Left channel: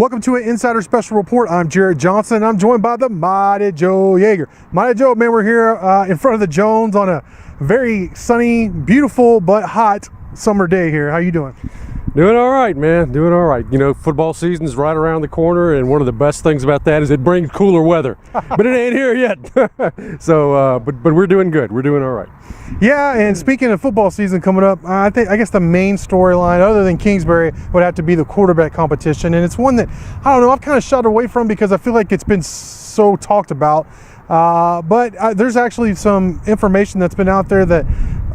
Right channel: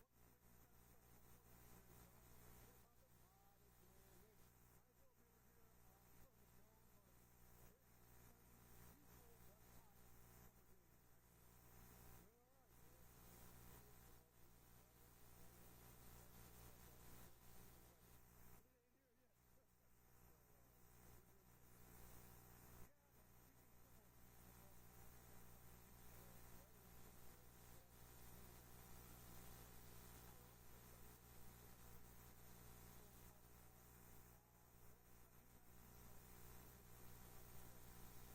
Welcome to an Insider Special Report. I'm Jarret Johnson. I'm joined by the mighty Joe Yeager. Mighty Joe, man, we're here in front of the Jones on a very sunny, beautiful, but hot summer day here. How you doing? Doing all right, man. Doing all right. You know, football season's right around the corner, and one of the best things about that is it brings cooler weather. But it ain't here yet. So, but we're doing good. We're doing all right. Yeah, and speaking of football season coming up, I guess the main storyline, other than Kingsbury, would have to be the quarterback competition, and it's one that I don't know. I've kind of shied away from because I feel like it's been so talked about. But there's actually some information that's been out there that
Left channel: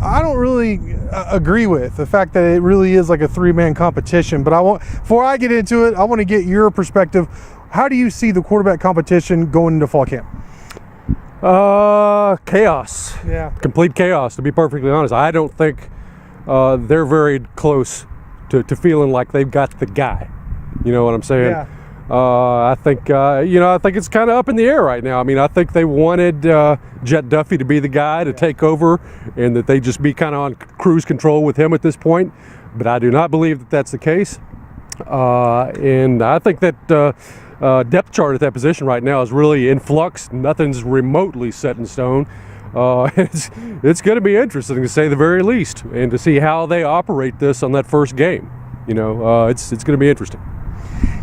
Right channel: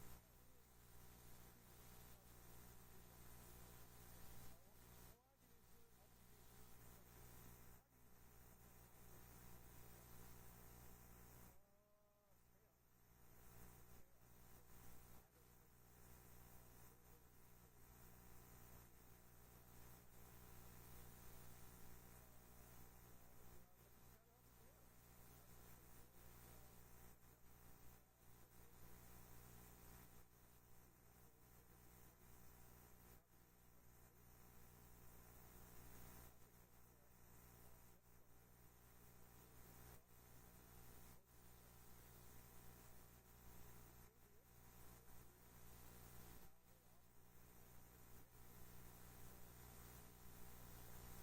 I don't really agree with. The fact that it really is like a three-man competition. But before I get into it, I want to get your perspective. How do you see the quarterback competition going into fall camp? Chaos. Yeah. Complete chaos, to be perfectly honest. I don't think they're very close to feeling like they've got the guy. You know what I'm saying? Yeah. I think it's kind of up in the air right now. I mean, I think they wanted Jet Duffy to be the guy to take over, and that they just be kind of on cruise control with him at this point. But I do not believe that that's the case. And I think that depth chart at that position right now is really in flux. Nothing's remotely set in stone. It's going to be interesting, to say the very least, and to see how they operate this on that first game. You know, it's going to be interesting.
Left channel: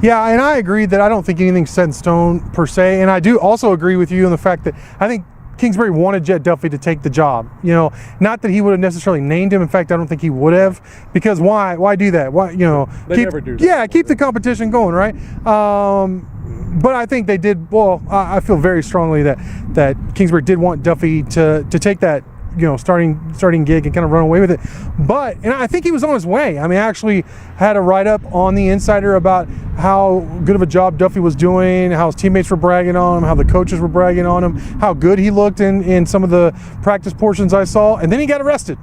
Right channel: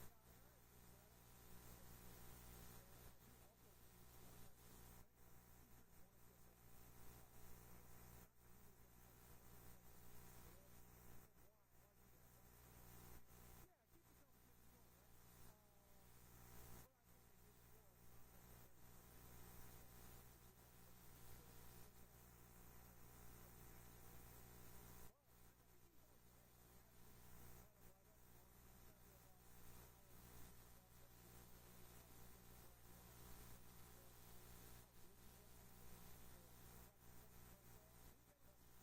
Yeah, and I agree that I don't think anything's set in stone per se, and I do also agree with you on the fact that I think Kingsbury wanted Jet Duffy to take the job. You know, not that he would have necessarily named him. In fact, I don't think he would have, because why do that? Why, you know, they never do that. Yeah, keep the competition going, right? But I think they did. Well, I feel very strongly that Kingsbury did want Duffy to take that, you know, starting gig and kind of run away with it. And I think he was on his way. I mean, I actually had a write-up on the Insider about how good of a job Duffy was doing, how his teammates were bragging on him, how the coaches were bragging on him, how good he looked in some of the practice portions I saw. And then he got arrested.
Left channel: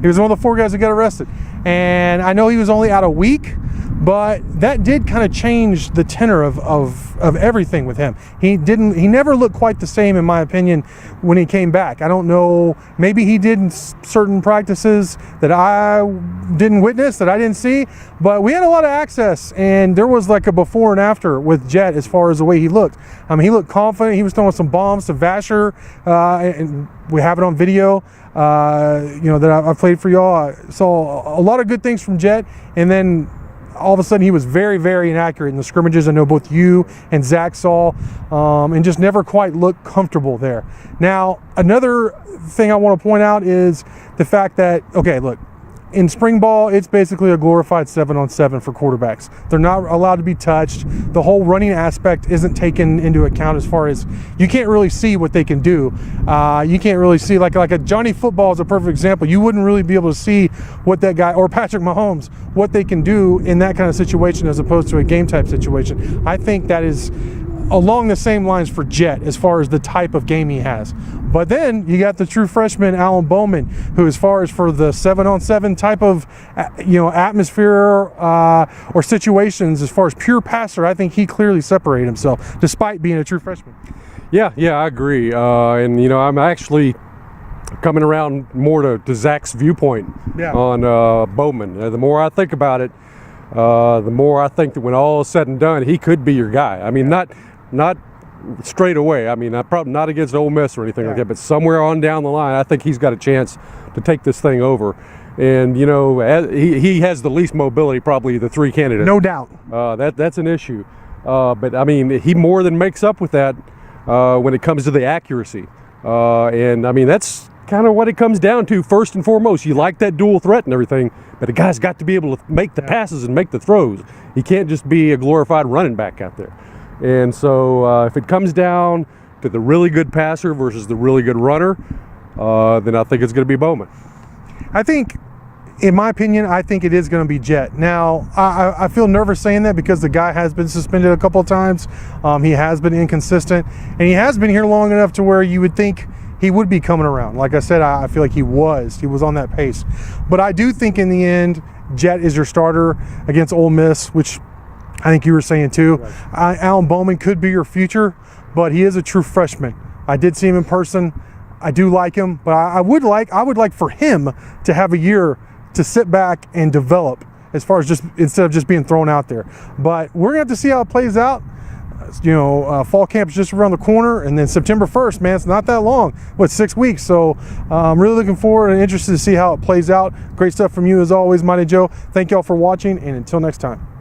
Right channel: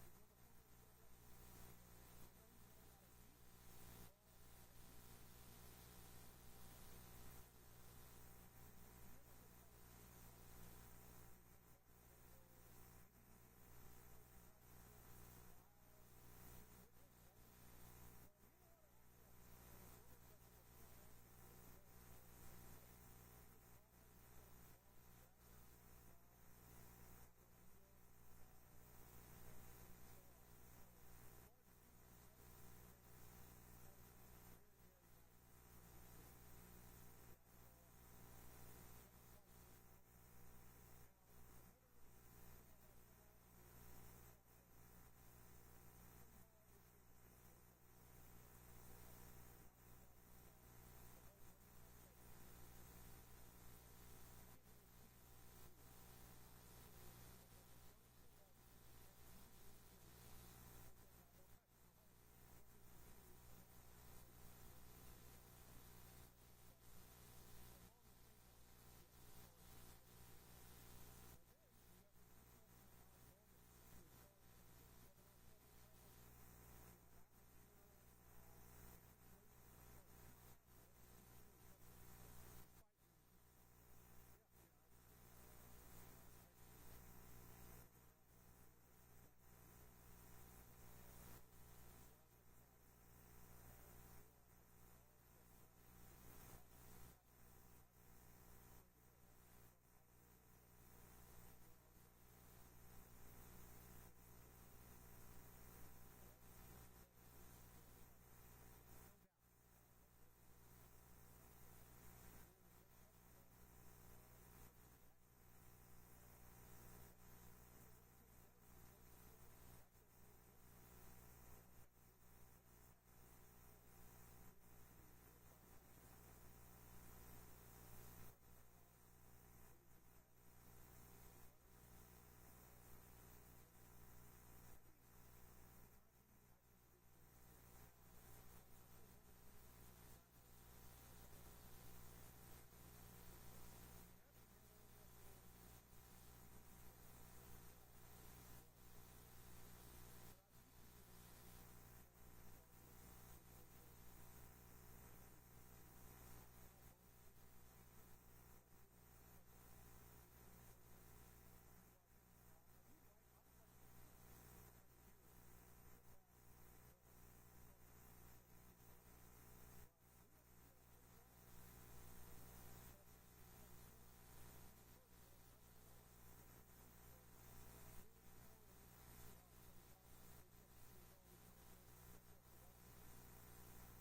He was one of the 4 guys that got arrested. And I know he was only out a week, but that did kind of change the tenor of everything with him. He never looked quite the same, in my opinion, when he came back. I don't know, maybe he did certain practices that I didn't witness, that I didn't see, but we had a lot of access, and there was like a before and after with Jet as far as the way he looked. I mean, he looked confident. He was throwing some bombs to Vasher, and we have it on video. You know, that I played for y'all. I saw a lot of good things from Jet, and then all of a sudden he was very, very inaccurate in the scrimmages. I know both you and Zach saw, and just never quite looked comfortable there. Now, another thing I want to point out is the fact that, okay, look, in spring ball, it's basically a glorified 7-on-7 for quarterbacks. They're not allowed to be touched. The whole running aspect isn't taken into account, as far as you can't really see what they can do. You can't really see, like a Johnny Football is a perfect example. You wouldn't really be able to see what that guy, or Patrick Mahomes, what they can do in that kind of situation as opposed to a game type situation. I think that is along the same lines for Jet as far as the type of game he has. But then you got the true freshman, Alan Bowman, who, as far as for the 7-on-7 type of, you know, atmosphere or situations, as far as pure passer, I think he clearly separated himself despite being a true freshman. Yeah, I agree. And, you know, I'm actually coming around more to Zach's viewpoint on Bowman. The more I think about it, the more I think that when all is said and done, he could be your guy. I mean, not straight away. I mean, probably not against Ole Miss or anything like that, but somewhere on down the line, I think he's got a chance to take this thing over. And, you know, he has the least mobility, probably the three candidates. No doubt. That's an issue. But, I mean, he more than makes up with that when it comes to the accuracy. And, I mean, that's kind of what it comes down to first and foremost. You like that dual threat and everything, but the guy's got to be able to make the passes and make the throws. He can't just be a glorified running back out there. And so if it comes down to the really good passer versus the really good runner, then I think it's going to be Bowman. I think, in my opinion, I think it is going to be Jet. Now, I feel nervous saying that because the guy has been suspended a couple of times. He has been inconsistent, and he has been here long enough to where you would think he would be coming around. Like I said, I feel like he was on that pace. But I do think in the end, Jet is your starter against Ole Miss, which I think you were saying too. Right. Alan Bowman could be your future, but he is a true freshman. I did see him in person. I do like him, but I would like for him to have a year to sit back and develop as far as just instead of just being thrown out there. But we're gonna have to see how it plays out. Fall camp's just around the corner, and then September 1st, man, it's not that long. 6 weeks? So I'm really looking forward and interested to see how it plays out. Great stuff from you as always, Mighty Joe. Thank y'all for watching, and until next time.